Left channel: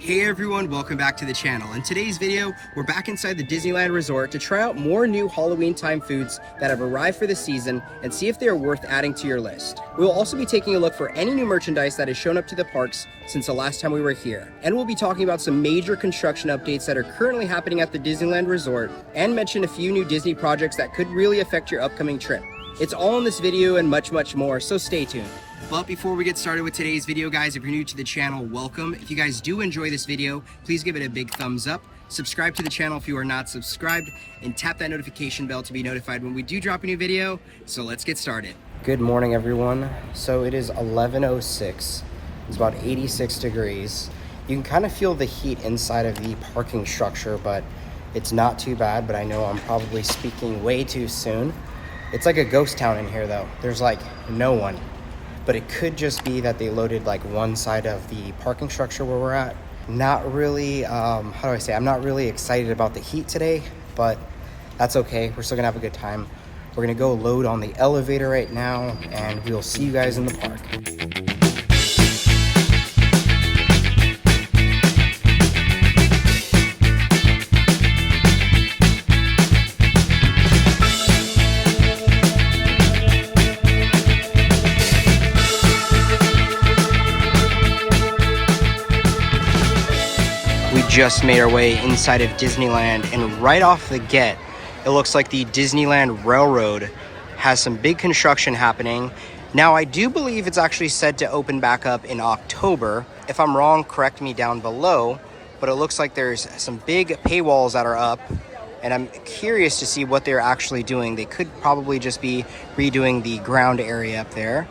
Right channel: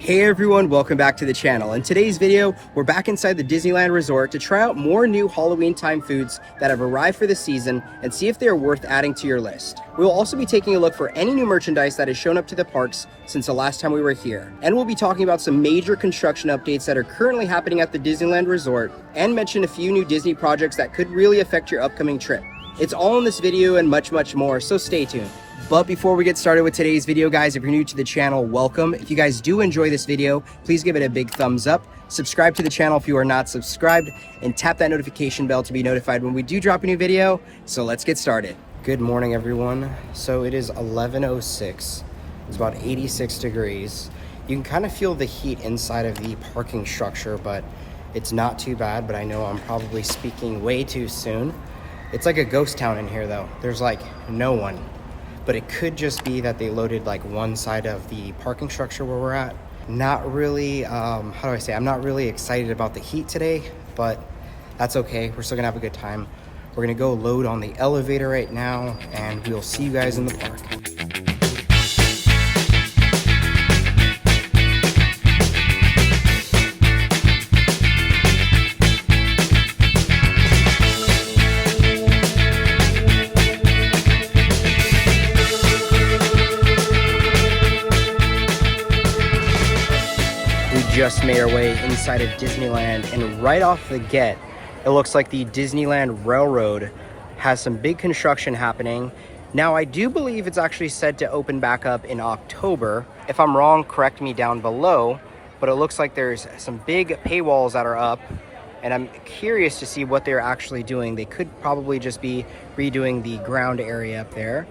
Hey everyone, welcome back to the channel. In today's video, we're back inside the Disneyland Resort to try out more new Halloween time foods that have arrived for the season and see if they are worth adding to your list. We will also be taking a look for any new merchandise that has shown up to the parks since the last time we were here. And we'll be talking about some major construction updates that are currently happening at the Disneyland Resort and mention a few new Disney projects that could really affect your upcoming trip. It's all in this video and much more, so stay tuned. But before we get started with today's video, guys, if you're new to the channel, welcome. If you guys do enjoy this video, please give it a big thumbs up. Subscribe to the channel if you are not subscribed, and tap that notification bell to be notified when we do drop a new video. So let's get started. Good morning, everyone. So it is 11:06. It's about 86 degrees. You can kind of feel the heat inside of the parking structure, but it's not too bad. But I know I'm probably speaking way too soon. It's like a ghost town in here, though. There's like no one. But it could just be that they loaded like one side of the parking structure where we're at. Not really, how do I say? I'm not really excited about the heat today, but that's okay. We're still gonna have a good time. We're gonna go load on the elevator right now, and we'll see you guys in the park. Just made our way inside of Disneyland, and right off the get, it looks like the Disneyland Railroad has some big construction happening. Now, I do believe it's actually said to open back up in October. If I'm wrong, correct me down below, but it looks like there's some big paywalls that are up, and I'm curious to see what they're actually doing. They could probably just be redoing the ground area up there,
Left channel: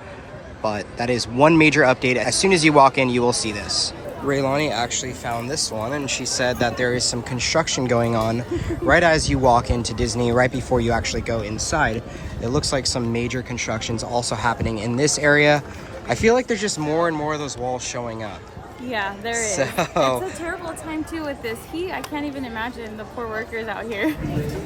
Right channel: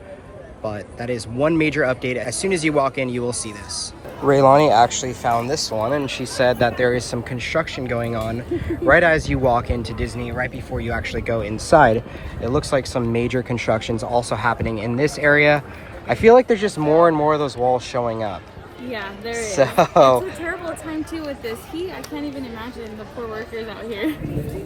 but that is one major update. As soon as you walk in, you will see this. Raylani actually found this one, and she said that there is some construction going on right as you walk into Disney, right before you actually go inside. It looks like some major construction's also happening in this area. I feel like there's just more and more of those walls showing up. Yeah, there is. So, it's a terrible time too with this heat. I can't even imagine the poor workers out here.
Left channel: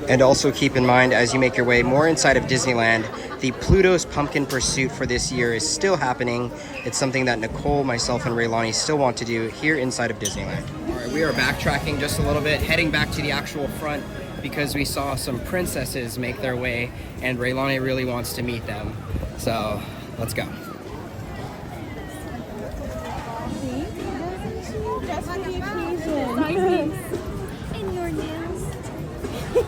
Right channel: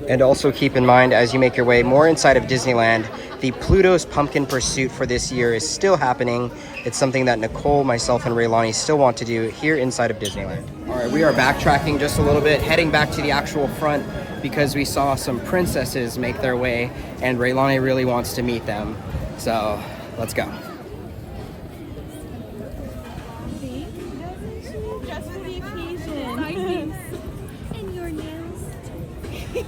And also keep in mind, as you make your way more inside of Disneyland, the Pluto's Pumpkin Pursuit for this year is still happening. It's something that Nicole, myself, and Raylani still want to do here inside of Disneyland. All right, we are backtracking just a little bit, heading back to the actual front because we saw some princesses make their way, and Raylani really wants to meet them. So let's go. And your nails.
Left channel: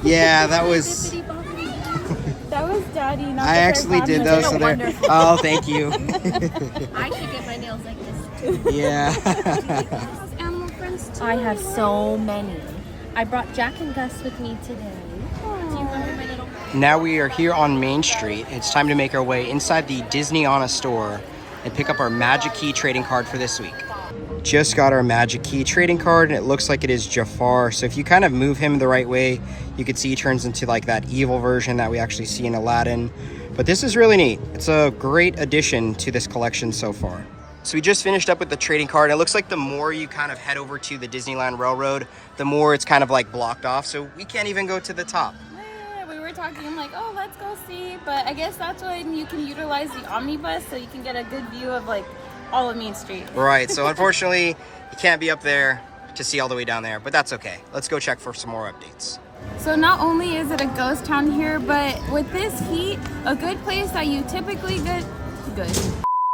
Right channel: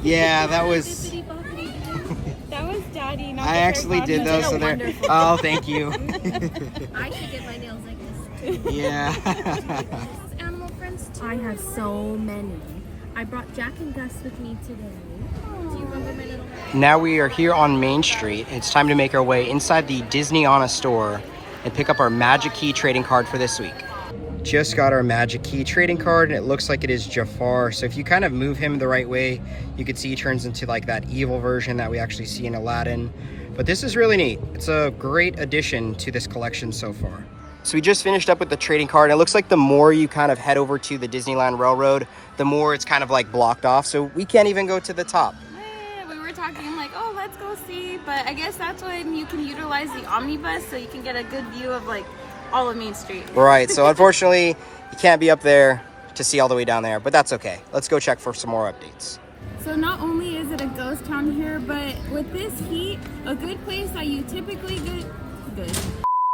Yeah, that was... That was Daddy. Not I actually did those. So they're... Oh, thank you. I should get my nails like this too. Yeah. Animal friends too. I have so many. I brought Jack and Gus with me today. Do you remember my little... Now we are here on Main Street. It's time to make our way inside the Disneyana store and pick up our Magic Key trading card for this week. Just got our Magic Key trading card, and it looks like it is Jafar. So if you kind of move him the right way, you can see he turns into like that evil version that we actually see in Aladdin. But this is really neat. It's a great addition to this collection so far. So we just finished up with the trading card. It looks like the more you kind of head over to the Disneyland Railroad, the more it's kind of like blocked off. So we can't even go to the top. We were talking, I'm like, oh, let's go see. But I guess that's when you can utilize the omnibus so you can get a good view of like all of Main Street. Right, so unfortunately, you can't be up there to see all the way down there, but that's okay. Let's go check for some more updates. So not only is it a ghost town here, but with this heat, a good place that you typically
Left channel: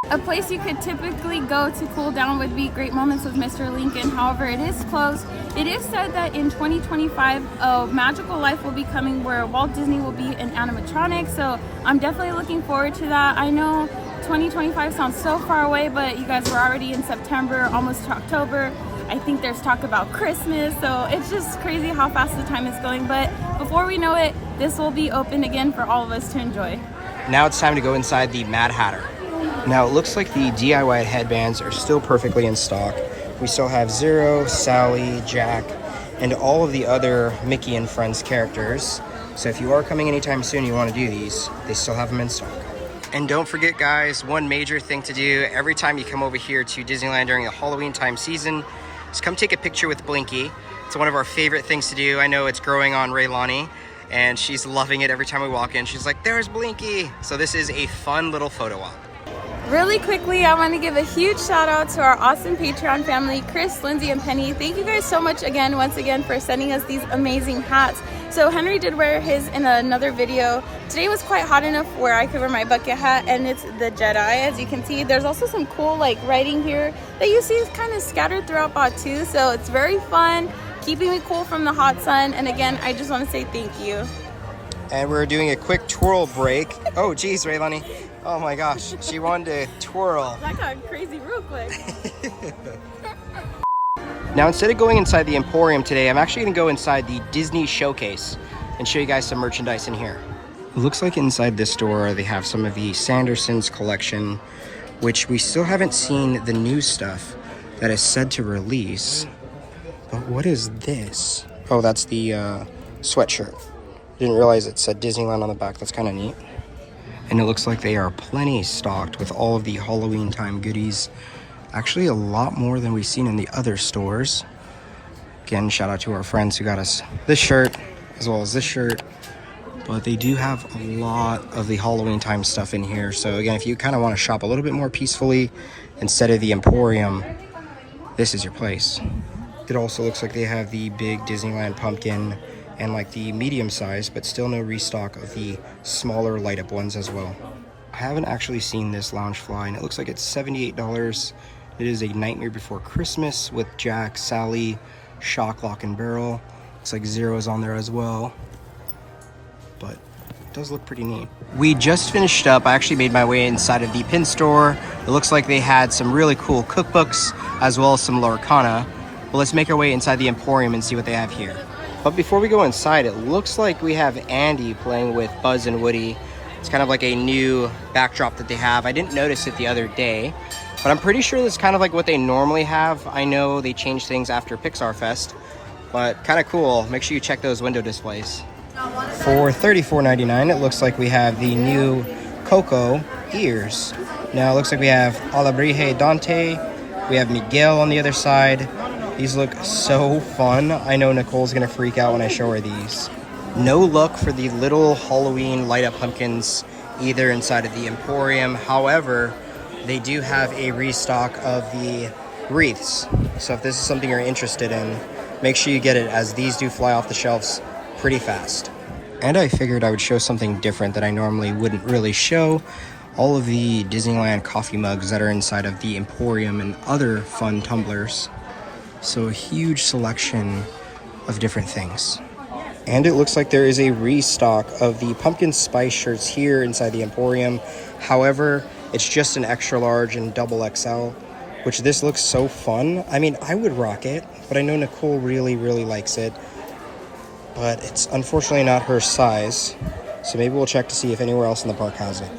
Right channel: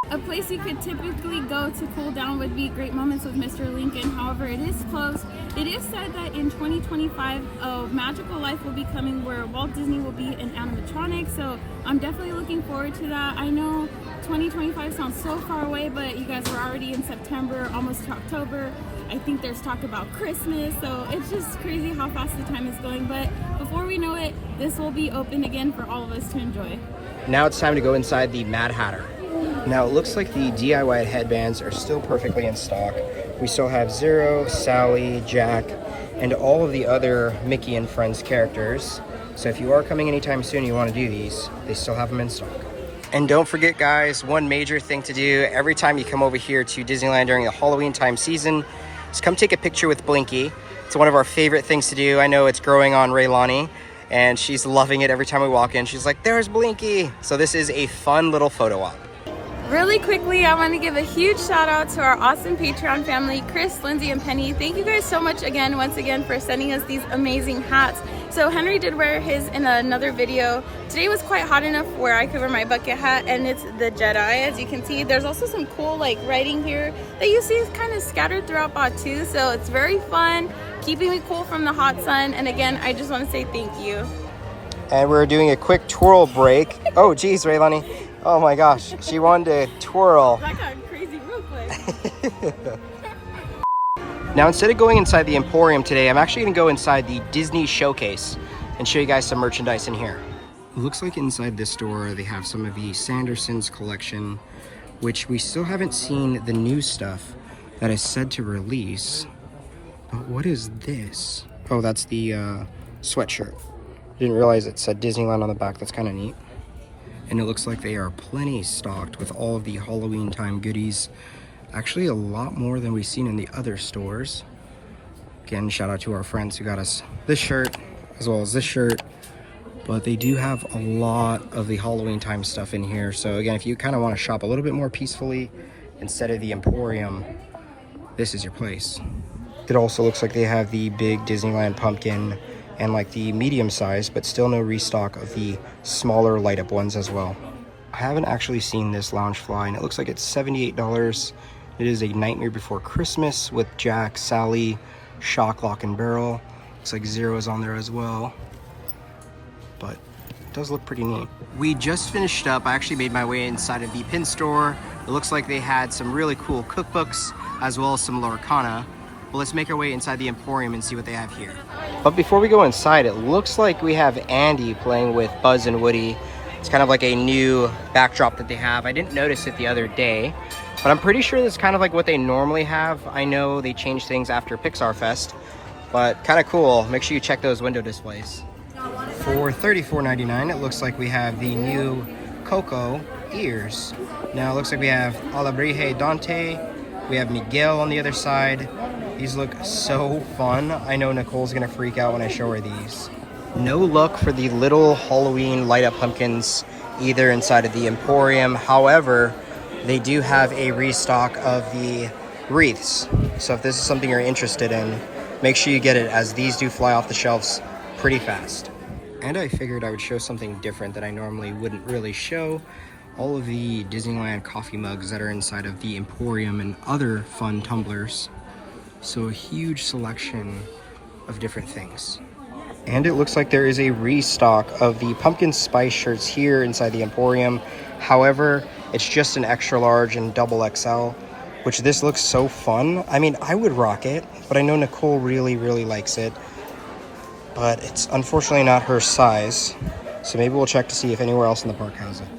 a place you could typically go to cool down would be Great Moments with Mr. Lincoln. However, it is closed. It is said that in 2025, a magical life will be coming where Walt Disney will be an animatronic. So I'm definitely looking forward to that. I know 2025 sounds so far away, but you guys were already in September, almost to October. I think there's talk about Christmas, so it's just crazy how fast the time is going. But before we know it, this will be open again for all of us to enjoy. Now it's time to go inside the Mad Hatter. Now it looks like the DIY headbands are still perfectly in stock. We still have Zero, Sally, Jack, and all of the other Mickey and Friends characters. So if you are coming anytime soon and you want to do these, they still have them in stock. And don't forget, guys, one major thing to do every time you come over here to Disneyland during the Halloween time season is come take a picture with Blinky. It's one of our favorite things to do. I know it's growing on Raylani, and she's loving it every time we walk in. She's like, there's Blinky. So this is a fun little photo op. Really quickly, I want to give a huge shout out to our awesome Patreon family, Chris, Lindsay, and Penny. Thank you guys so much again, once again, for sending us these amazing hats. So Henry did wear his in another video. Today was quite hot enough where I could wear my bucket hat, and it's the Jedi, as you can see. There's also some cool like writing here that you see is kind of scattered throughout Batuu, so it's very fun, keeping me cool from the hot sun. And again, I just want to say thank you. And we're doing a quick twirl break. Oh geez, Raylani. Oh my gosh, she wanted to twirl. That got crazy real quick. Now, instead of going inside the Emporium today, I'm actually gonna go inside the Disney Showcase and show you guys some merchandise in here. It looks like inside this store, they have some of the Sanderson's collection, which we still haven't seen the new stuff that is said to release. But what is this? Oh, that's the sweatshirt. Didn't realize it said Disneyland on the back. That's kind of neat. And it looks like they are plenty stocked with all of the Halloween time goodies. Actually, a lot more than we've seen in the other stores. Again, shout out to our friends who got us this shirt, as well as this shirt. But they do have a lot of the Halloween time stuff in here. So again, if you kind of want to shop a little bit more peacefully instead of the Emporium, this is your place. It also looks like they have the big Disneyland pumpkin and like the medium size, but still no restock of the smaller light up ones as well. I haven't actually seen this Loungefly, and it looks like it's $78. It is a Nightmare Before Christmas with Jack, Sally, Shock, Lock, and Barrel. Looks like Zero is on there as well, but it does look pretty neat. We just finished up. I actually made my way inside of the pin store. It looks like they had some really cool cookbooks as well as some Lorcana. Well, let's make our way inside the Emporium and see what they have here. But before we go inside, it looks like we have Andy playing with Buzz and Woody. It's kind of like a new backdrop that they have. I didn't notice it the other day, but I'm pretty sure it's kind of like what they normally have. I know they changed things after Pixar Fest, but kind of cool. Make sure you check those window displays. For $34.99, it looks like we have the new Coco ears. Now it looks like we have Alabrije Dante. We have Miguel on the other side. These look so fun. I know Nicole's gonna freak out when I show her these. No luck for the little Halloween light up pumpkins either inside of the Emporium. However, they do have a restock of the wreaths. So if this is something you're interested in, make sure you get it, as these do fly off the shelves pretty fast. And I figured I would show something different that I normally wouldn't really show. All of the Disneyland coffee mugs that are inside of the Emporium and other fun tumblers. So a huge selection of different things. And it looks like there is a restock of the pumpkin spice shirts here inside the Emporium. However, it's just an extra large and double XL, which this looks so fun. I mean, I would rock it, but I know Nicole really, really likes it. But it's unfortunately not her size. So maybe we'll check to see if anywhere else in the park has it.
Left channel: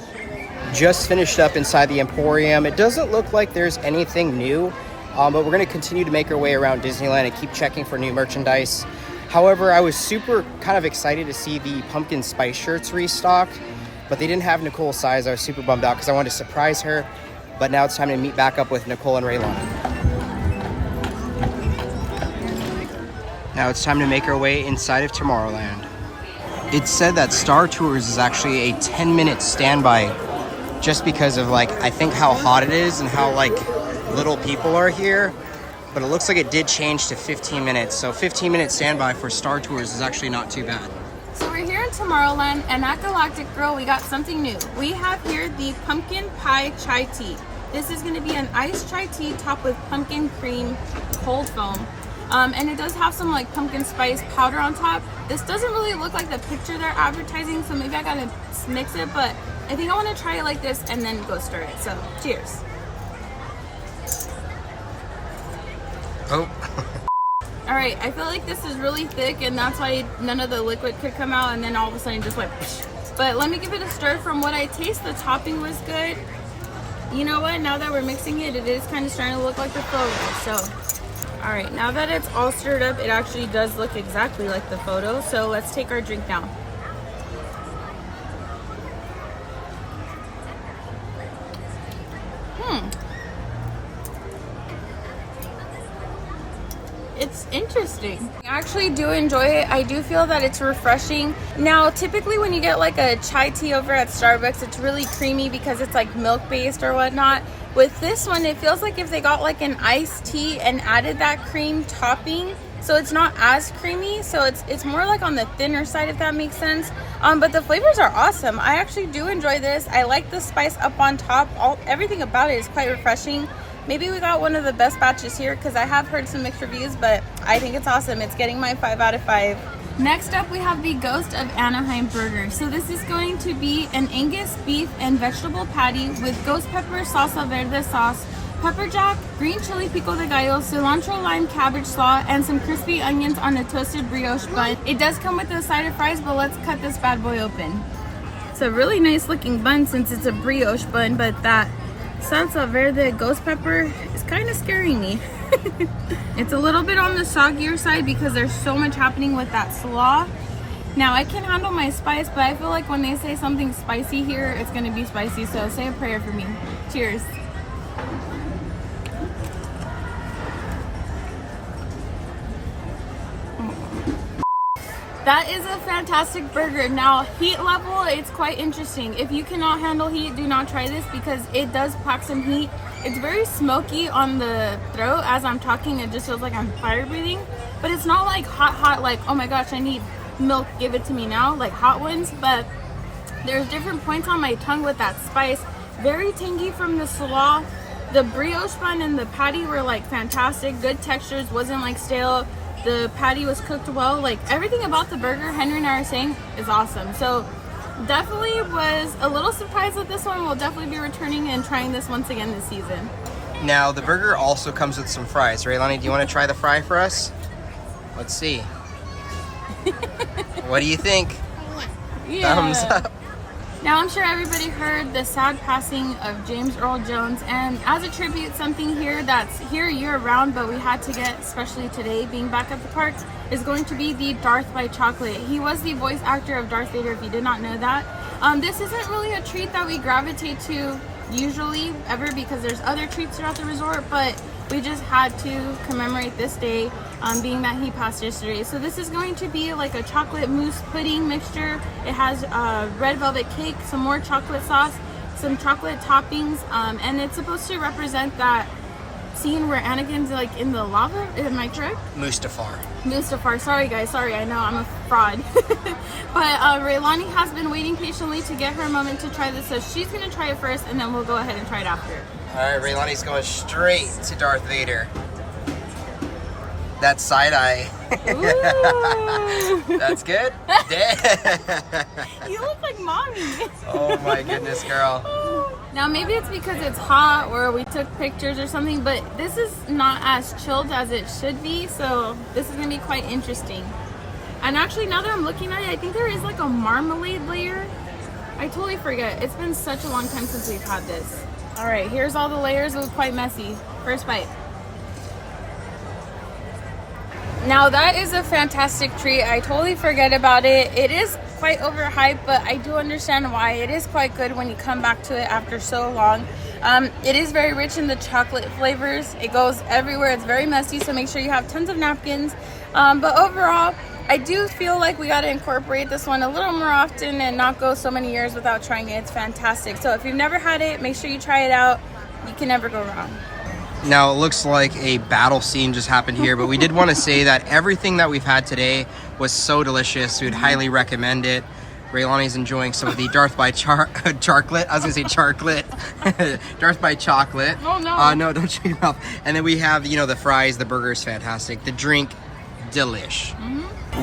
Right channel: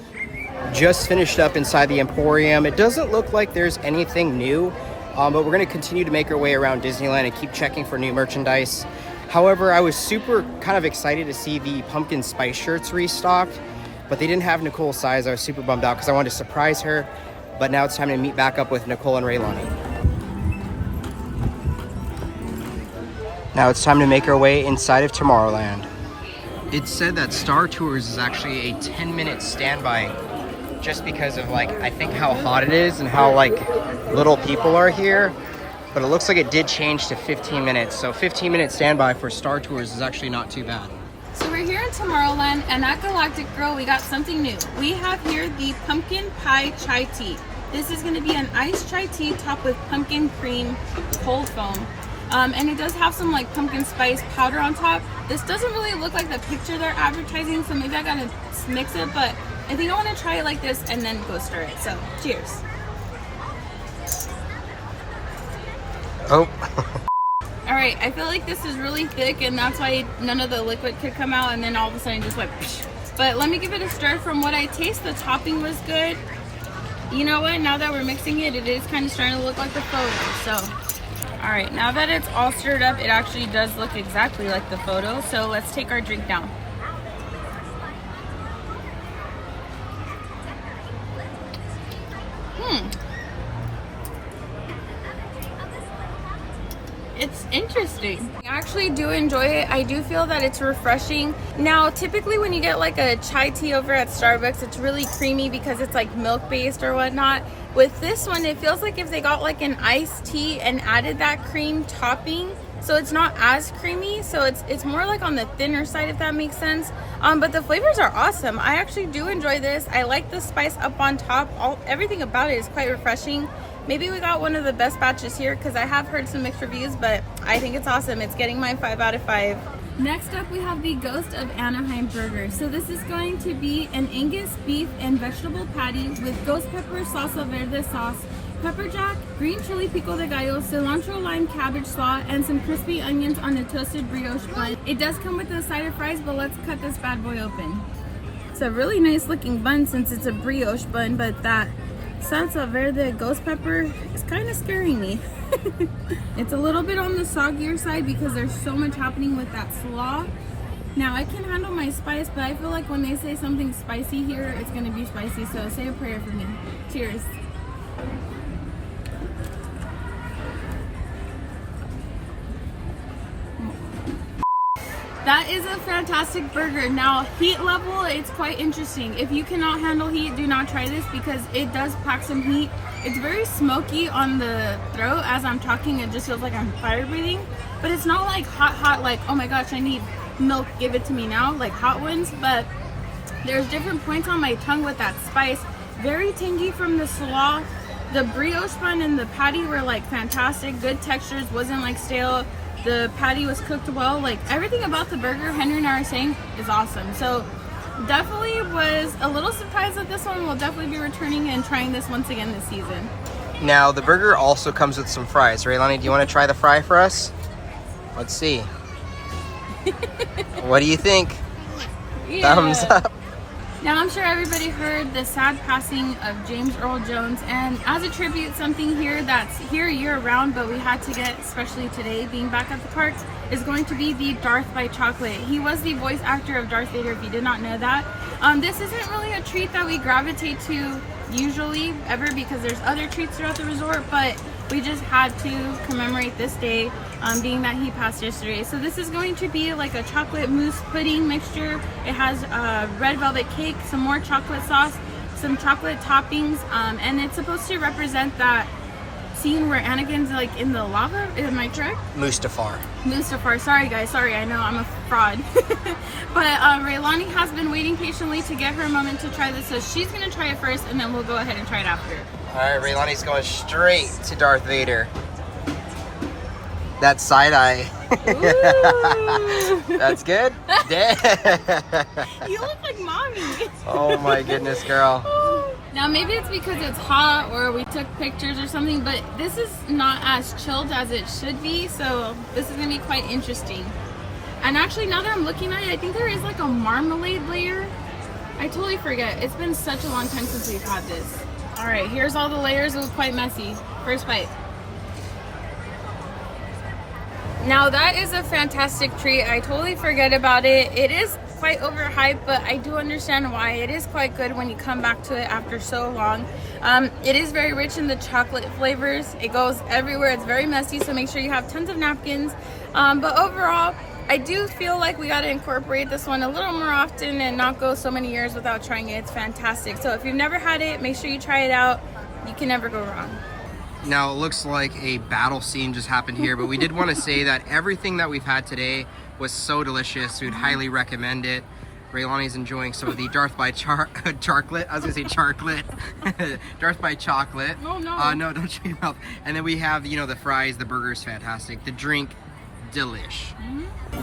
Just finished up inside the Emporium. It doesn't look like there's anything new. But we're going to continue to make our way around Disneyland and keep checking for new merchandise. However, I was super kind of excited to see the pumpkin spice shirts restocked, but they didn't have Nicole's size. I was super bummed out because I wanted to surprise her. But now it's time to meet back up with Nicole and Raylani. Now it's time to make our way inside of Tomorrowland. It's said that Star Tours is actually a 10-minute standby, just because of like, I think how hot it is and how like little people are here. But it looks like it did change to 15 minutes. So 15-minute standby for Star Tours is actually not too bad. So we're here in Tomorrowland, and at Galactic Grill, we got something new. We have here the pumpkin pie chai tea. This is going to be an iced chai tea topped with pumpkin cream cold foam. And it does have some like pumpkin spice powder on top. This doesn't really look like the picture they're advertising, so maybe I gotta mix it, but I think I want to try it like this and then go stir it. So cheers. Oh. All right, I feel like this is really thick, and that's why none of the liquid could come out, and then all of a sudden it just went psh. But let me give it a stir. From what I taste, the topping was good. You know what, now that we're mixing it, it is kind of starting to look like the photo. So all right, now that it's all stirred up, it actually does look exactly like the photo. So let's take our drink down. it's interesting. I actually do enjoy it. I do feel that it's refreshing. Now, typically when you get like a chai tea over at Starbucks, it's really creamy because it's like milk based or whatnot. With this one, it feels like if they got like an iced tea and added that cream topping, so it's not as creamy, so it's more like on the thinner side, if that makes sense. But the flavors are awesome. I actually do enjoy this. I like the spice up on top. Everything about it is quite refreshing. Maybe we got one of the best batches here because I have heard some mixed reviews, but I think it's awesome. It's getting my 5 out of 5. Next up, we have the Ghost of Anaheim burger. So this is going to be an Angus beef and vegetable patty with ghost pepper salsa verde sauce, pepper jack, green chili pico de gallo, cilantro lime cabbage slaw, and some crispy onions on a toasted brioche bun. It does come with a side of fries, but let's cut this bad boy open. It's a really nice looking bun since it's a brioche bun, but that salsa verde ghost pepper is kind of scaring me. It's a little bit on the soggier side because there's so much happening with that slaw. Now, I can handle my spice, but I feel like when they say something spicy here, it's going to be spicy, so say a prayer for me. Cheers. That is a fantastic burger. Now, heat level, it's quite interesting. If you cannot handle heat, do not try this because it does pack some heat. It's very smoky on the throat. As I'm talking, it just feels like I'm fire breathing. But it's not like hot, like, oh my gosh, I need milk, give it to me now, like hot ones. But there's different points on my tongue with that spice. Very tangy from the slaw. The brioche bun and the patty were like fantastic. Good textures, wasn't like stale. The patty was cooked well. Like everything about the burger, Henry and I are saying, is awesome. So definitely was a little surprised at this one. We'll definitely be returning and trying this once again this season. Now, the burger also comes with some fries. Right, Lonnie, do you want to try the fry for us? Let's see. What do you think? Yeah. Thumbs up. Now, I'm sure everybody heard the sad passing of James Earl Jones, and as a tribute, something here that's here year-round, but we had to get, especially today, being back at the parks, is going to be the Darth by Chocolate. He was the voice actor of Darth Vader, if you did not know that. This isn't really a treat that we gravitate to usually, ever, because there's other treats throughout the resort, but we just had to commemorate this day, being that he passed yesterday. So this is going to be like a chocolate mousse pudding mixture. It has red velvet cake, some more chocolate sauce, some chocolate toppings, and it's supposed to represent that scene where Anakin's like in the lava. Am I correct? Mustafar. Sorry guys, sorry, I know I'm a fraud. But Raylani has been waiting patiently to get her moment to try this, so she's gonna try it first and then we'll go ahead and try it after. All right, Raylani's going straight to Darth Vader. That side eye. That's good. You look like mommy. Oh my goodness, girl. Now maybe it's because it's hot or we took pictures or something, but this is not as chilled as it should be, so this is gonna be quite interesting. And actually, now that I'm looking at it, I think there is like a marmalade layer. I totally forget. It's been such a long time since we've had this. All right, here's all the layers. It was quite messy. First bite. Now that is a fantastic treat. I totally forget about it. It is quite overhyped, but I do understand why. It is quite good when you come back to it after so long. It is very rich in the chocolate flavors. It goes everywhere. It's very messy, so make sure you have tons of napkins. But overall, I do feel like we got to incorporate this one a little more often and not go so many years without trying it. It's fantastic. So if you've never had it, make sure you try it out. You can never go wrong. Now, it looks like a battle scene just happened here, but we did want to say that everything that we've had today was so delicious. We would highly recommend it. Raylani's enjoying some of the Darth by Chocolate. I was going to say Charclet. Darth by Chocolate. Oh, no. No, don't shake your mouth. And then we have, you know, the fries. The burger is fantastic. The drink, delish.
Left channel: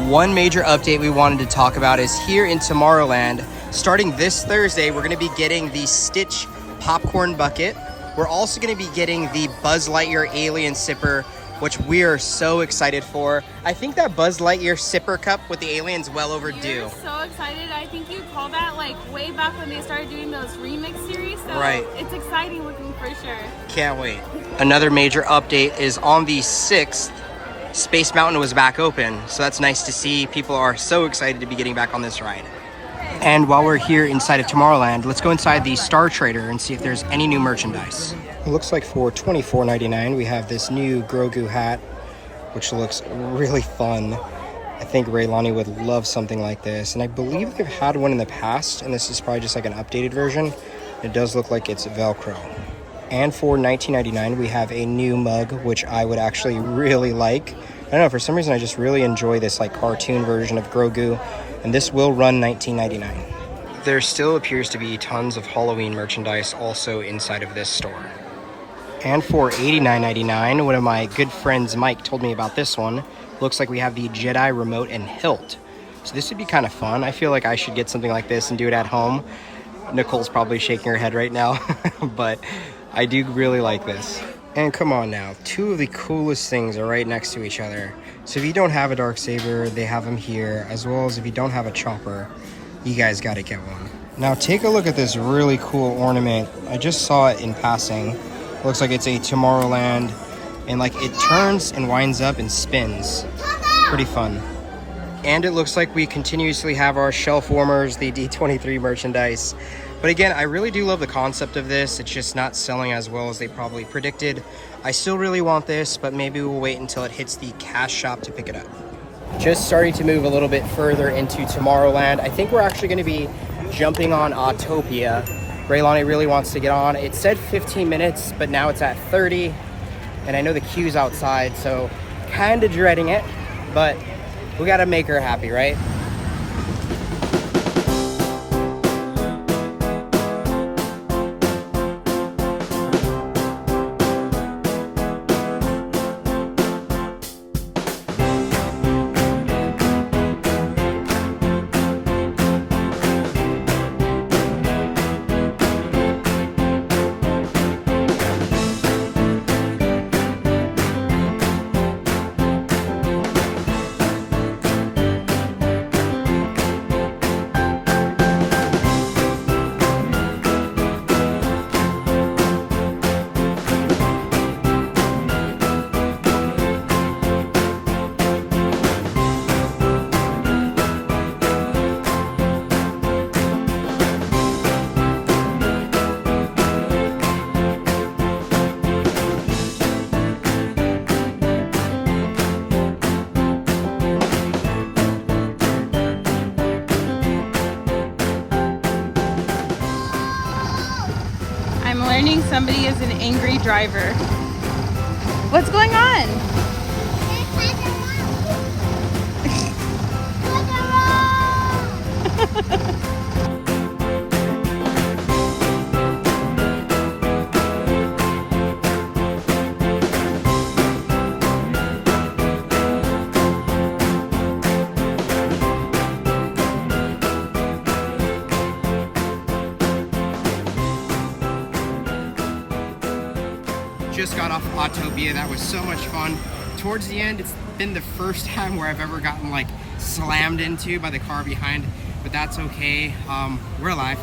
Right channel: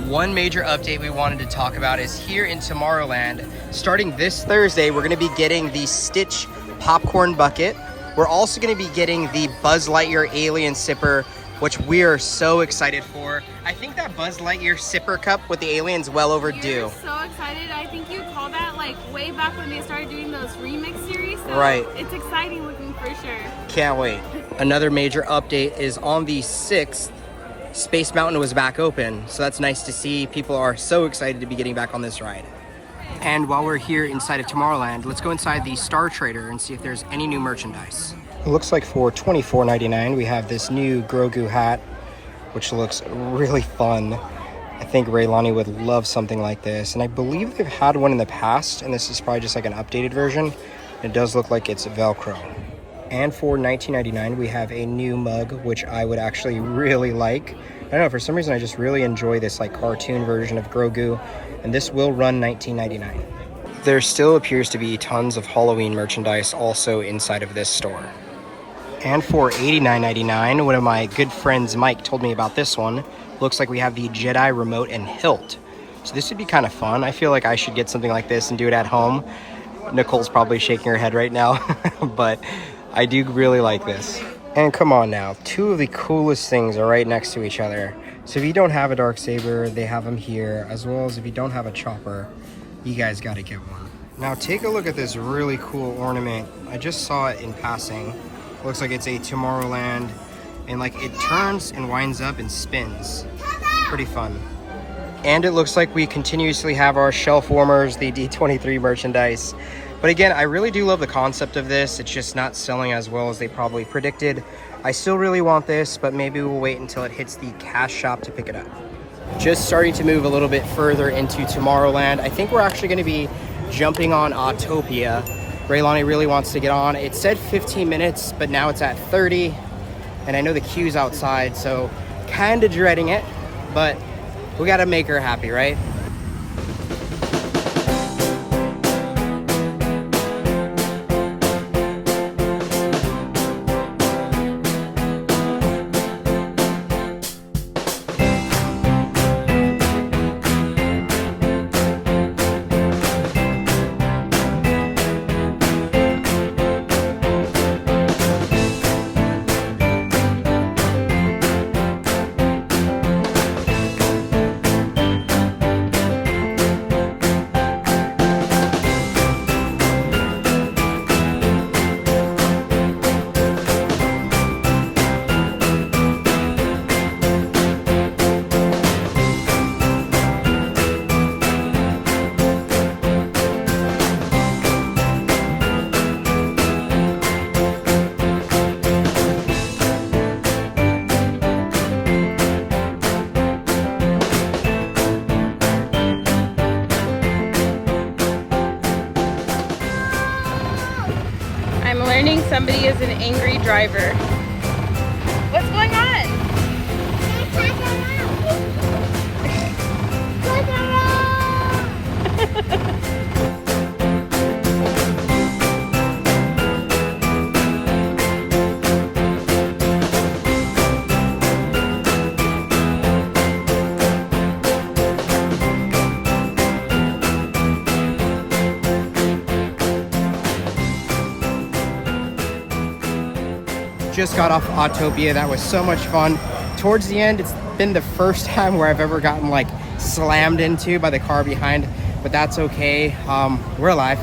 One major update we wanted to talk about is here in Tomorrowland. Starting this Thursday, we're going to be getting the Stitch popcorn bucket. We're also going to be getting the Buzz Lightyear Alien Sipper, which we are so excited for. I think that Buzz Lightyear Sipper cup with the alien's well overdue. We're so excited. I think you called that like way back when they started doing those remix series. So right. It's exciting looking for sure. Can't wait. Another major update is on the 6th, Space Mountain was back open. So that's nice to see. People are so excited to be getting back on this ride. And while we're here inside of Tomorrowland, let's go inside the Star Trader and see if there's any new merchandise. It looks like for $24.99 we have this new Grogu hat which looks really fun. I think Raylani would love something like this, and I believe they've had one in the past, and this is probably just like an updated version. It does look like it's Velcro. And for $19.99, we have a new mug, which I would actually really like. I don't know, for some reason I just really enjoy this like cartoon version of Grogu, and this will run $19.99. There still appears to be tons of Halloween merchandise also inside of this store. And for $89.99, one of my good friends Mike told me about this one. Looks like we have the Jedi remote and hilt. So this would be kind of fun. I feel like I should get something like this and do it at home. Nicole's probably shaking her head right now, but I do really like this. And come on now, two of the coolest things are right next to each other. So if you don't have a Darksaber, they have them here, as well as if you don't have a chopper, you guys gotta get one. Now take a look at this really cool ornament. I just saw it in passing. Looks like it's a Tomorrowland, and like it turns and winds up and spins. Pretty fun. And it looks like we continuously have our shelf warmers, the D23 merchandise. But again, I really do love the concept of this. It's just not selling as well as they probably predicted. I still really want this, but maybe we'll wait until it hits the cash shop to pick it up. Just starting to move a little bit further into Tomorrowland. I think we're actually going to be jumping on Autopia. Raylani really wants to get on. It said 15 minutes, but now it's at 30. And I know the queue's outside, so kind of dreading it, but we got to make her happy, right? I'm learning somebody is an angry driver. What's going on? Just got off Autopia. That was so much fun. Towards the end, it's been the first time where I've ever gotten like slammed into by the car behind, but that's okay. We're alive.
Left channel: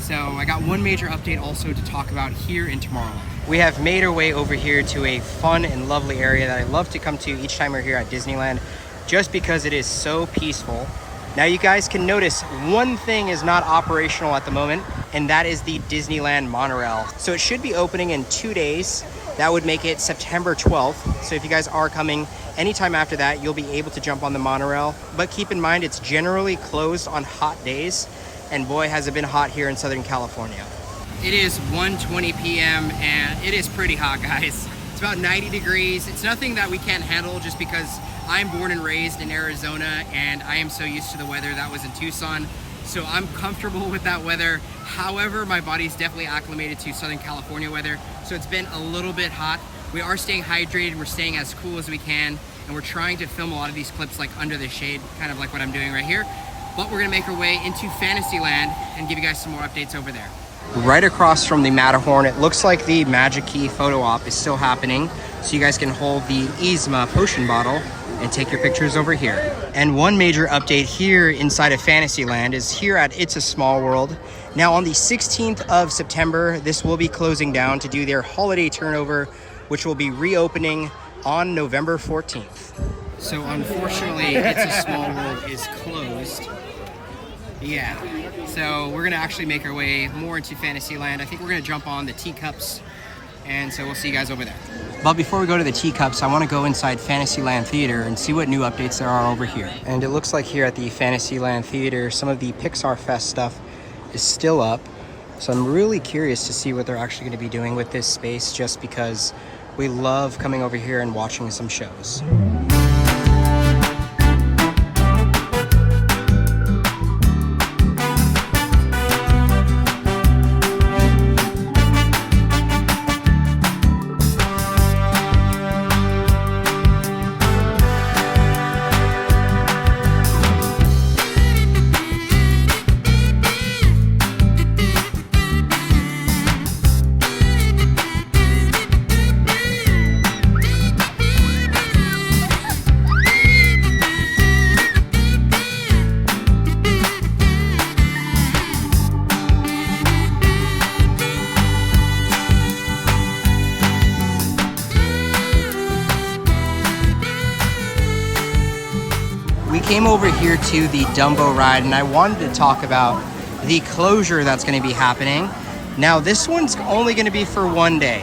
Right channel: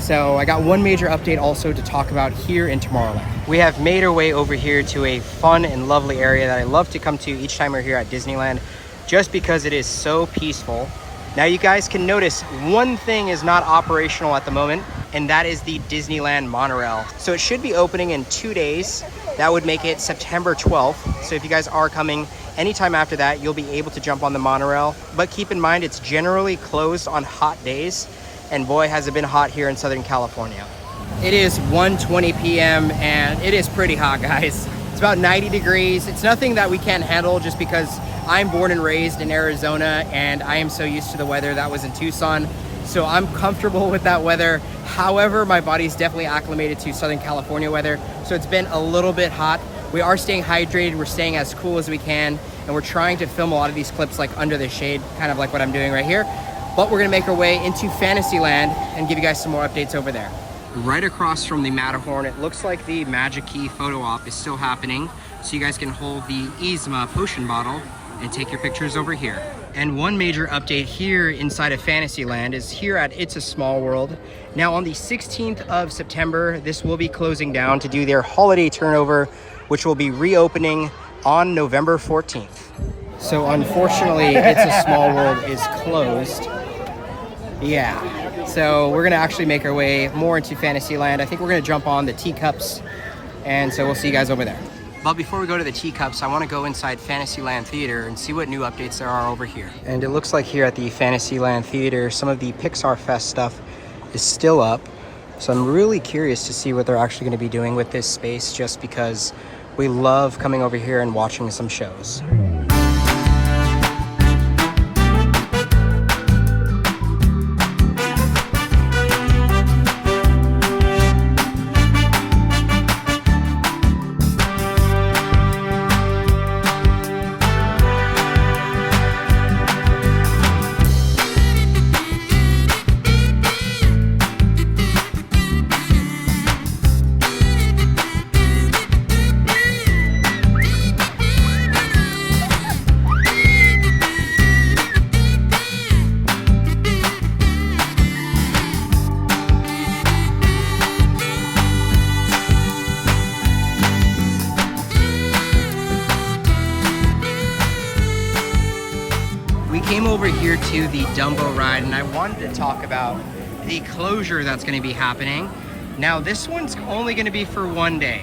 So I got one major update also to talk about here in Tomorrowland. We have made our way over here to a fun and lovely area that I love to come to each time we're here at Disneyland, just because it is so peaceful. Now you guys can notice one thing is not operational at the moment, and that is the Disneyland Monorail. So it should be opening in 2 days. That would make it September 12th. So if you guys are coming anytime after that, you'll be able to jump on the monorail. But keep in mind, it's generally closed on hot days. And boy, has it been hot here in Southern California. It is 1:20 p.m. and it is pretty hot, guys. It's about 90 degrees. It's nothing that we can't handle just because I'm born and raised in Arizona and I am so used to the weather that was in Tucson. So I'm comfortable with that weather. However, my body's definitely acclimated to Southern California weather. So it's been a little bit hot. We are staying hydrated. We're staying as cool as we can. And we're trying to film a lot of these clips like under the shade, kind of like what I'm doing right here. But we're gonna make our way into Fantasyland and give you guys some more updates over there. Right across from the Matterhorn, it looks like the Magic Key photo op is still happening. So you guys can hold the Yzma potion bottle and take your pictures over here. And one major update here inside of Fantasyland is here at It's a Small World. Now on the 16th of September, this will be closing down to do their holiday turnover, which will be reopening on November 14th. So unfortunately, It's a Small World is closed. Yeah, so we're gonna actually make our way more into Fantasyland. I think we're gonna jump on the Teacups, and so we'll see you guys over there. But before we go to the Teacups, I want to go inside Fantasyland Theater and see what new updates there are over here. And it looks like here at the Fantasyland Theater, some of the Pixar Fest stuff is still up. So I'm really curious to see what they're actually going to be doing with this space, just because we love coming over here and watching some shows. We came over here to the Dumbo ride, and I wanted to talk about the closure that's going to be happening. Now, this one's only going to be for one day.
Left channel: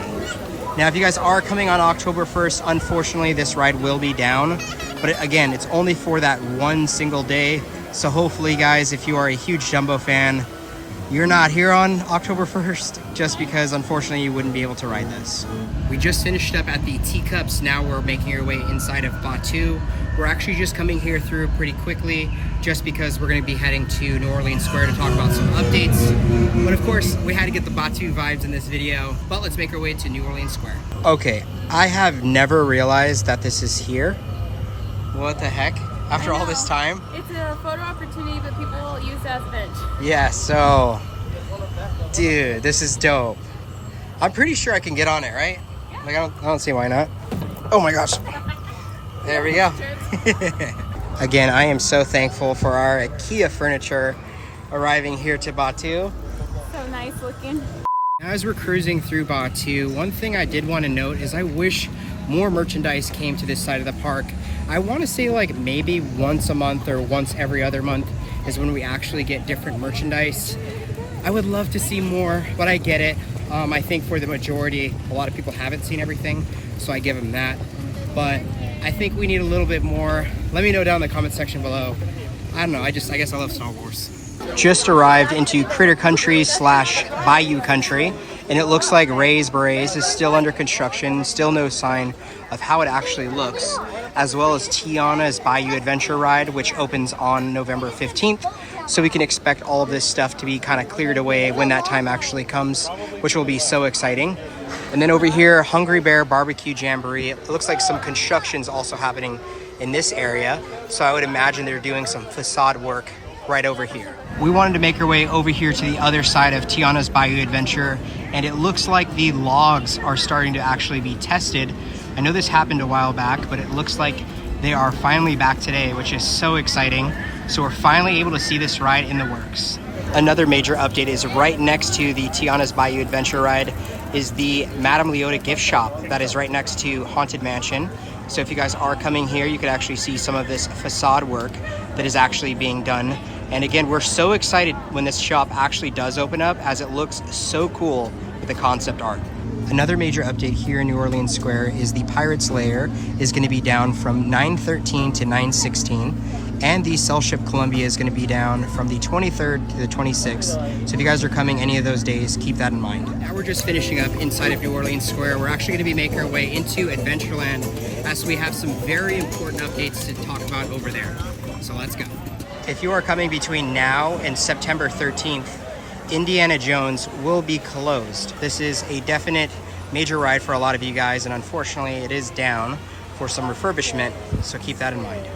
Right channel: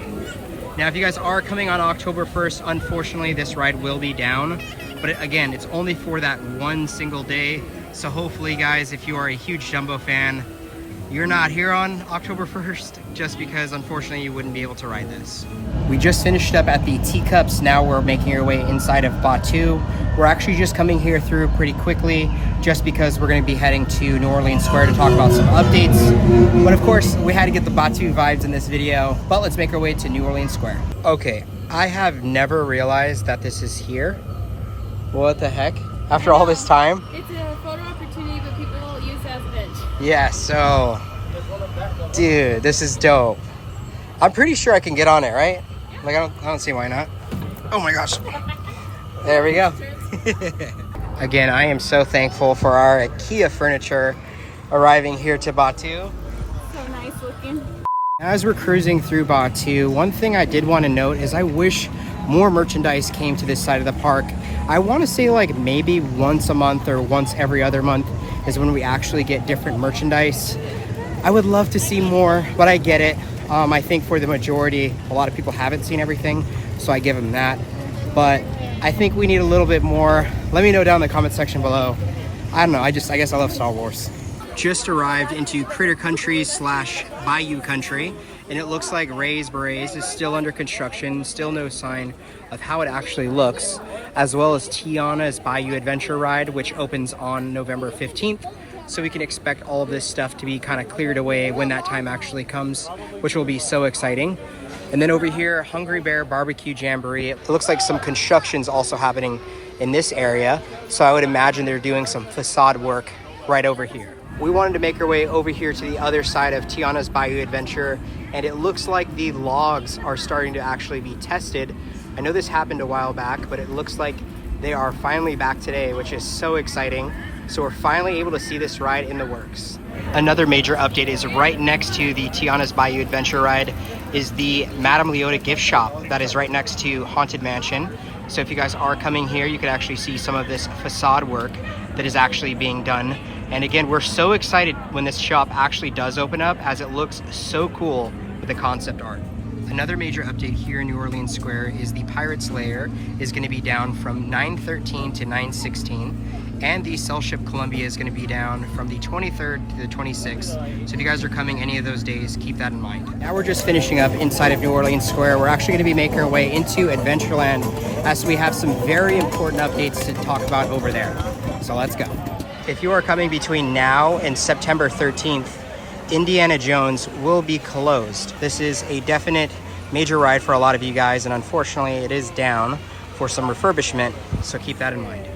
Now, if you guys are coming on October 1st, unfortunately, this ride will be down. But again, it's only for that one single day. So hopefully, guys, if you are a huge Dumbo fan, you're not here on October 1st, just because unfortunately you wouldn't be able to ride this. We just finished up at the Teacups. Now we're making our way inside of Batuu. We're actually just coming here through pretty quickly, just because we're going to be heading to New Orleans Square to talk about some updates. But of course, we had to get the Batuu vibes in this video, but let's make our way to New Orleans Square. Okay, I have never realized that this is here. What the heck? After all this time? It's a photo opportunity, but people will use that as a bench. Yeah, so, dude, this is dope. I'm pretty sure I can get on it, right? Yeah. Like, I don't see why not. Oh my gosh. There we go. Again, I am so thankful for our IKEA furniture arriving here to Batuu. So nice looking. As we're cruising through Batuu, one thing I did want to note is I wish more merchandise came to this side of the park. I want to say like maybe once a month or once every other month is when we actually get different merchandise. I would love to see more, but I get it. I think for the majority, a lot of people haven't seen everything, so I give them that. But I think we need a little bit more. Let me know down in the comment section below. I don't know, I guess I love Star Wars. Just arrived into Critter Country / Bayou Country, and it looks like Ray's Berets is still under construction, still no sign of how it actually looks, as well as Tiana's Bayou Adventure Ride, which opens on November 15th. So we can expect all of this stuff to be kind of cleared away when that time actually comes, which will be so exciting. And then over here, Hungry Bear Barbecue Jamboree. It looks like some construction's also happening in this area. So I would imagine they're doing some facade work right over here. We wanted to make our way over here to the other side of Tiana's Bayou Adventure, and it looks like the logs are starting to actually be tested. I know this happened a while back, but it looks like they are finally back today, which is so exciting. So we're finally able to see this ride in the works. Another major update is right next to the Tiana's Bayou Adventure Ride is the Madame Leota gift shop that is right next to Haunted Mansion. So if you guys are coming here, you could actually see some of this facade work that is actually being done. And again, we're so excited when this shop actually does open up, as it looks so cool with the concept art. Another major update here in New Orleans Square is the Pirates Lair is going to be down from 9/13 to 9/16, and the Cell Ship Columbia is going to be down from the 23rd to the 26th. So if you guys are coming any of those days, keep that in mind. Now we're just finishing up inside of New Orleans Square. We're actually going to be making our way into Adventureland, as we have some very important updates to talk about over there. So let's go. If you are coming between now and September 13th, Indiana Jones will be closed. This is a definite major ride for a lot of you guys, and unfortunately it is down for some refurbishment, so keep that in mind.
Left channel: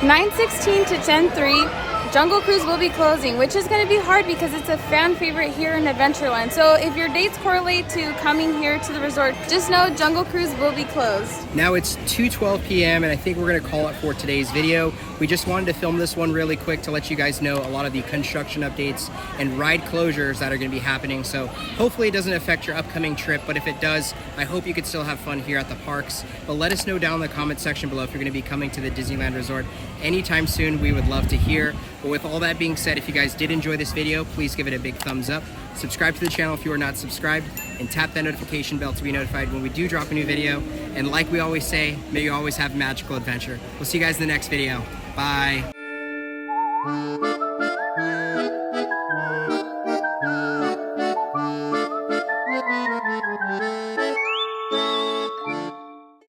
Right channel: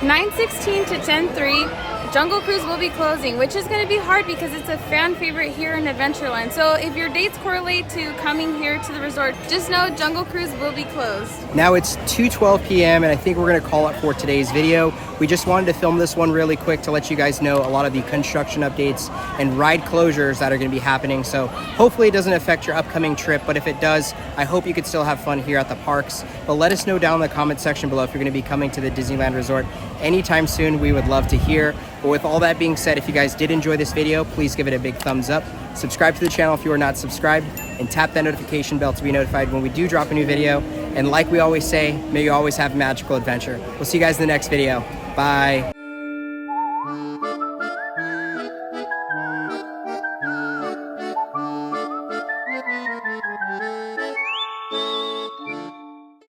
9/16 to 10/3, Jungle Cruise will be closing, which is going to be hard because it's a fan favorite here in Adventureland. So if your dates correlate to coming here to the resort, just know Jungle Cruise will be closed. Now it's 2:12 p.m. and I think we're going to call it for today's video. We just wanted to film this one really quick to let you guys know a lot of the construction updates and ride closures that are going to be happening. So hopefully it doesn't affect your upcoming trip, but if it does, I hope you could still have fun here at the parks. But let us know down in the comment section below if you're going to be coming to the Disneyland Resort anytime soon. We would love to hear. But with all that being said, if you guys did enjoy this video, please give it a big thumbs up. subscribe to the channel if you are not subscribed, and tap that notification bell to be notified when we do drop a new video. And like we always say, may you always have a magical adventure. We'll see you guys in the next video. Bye.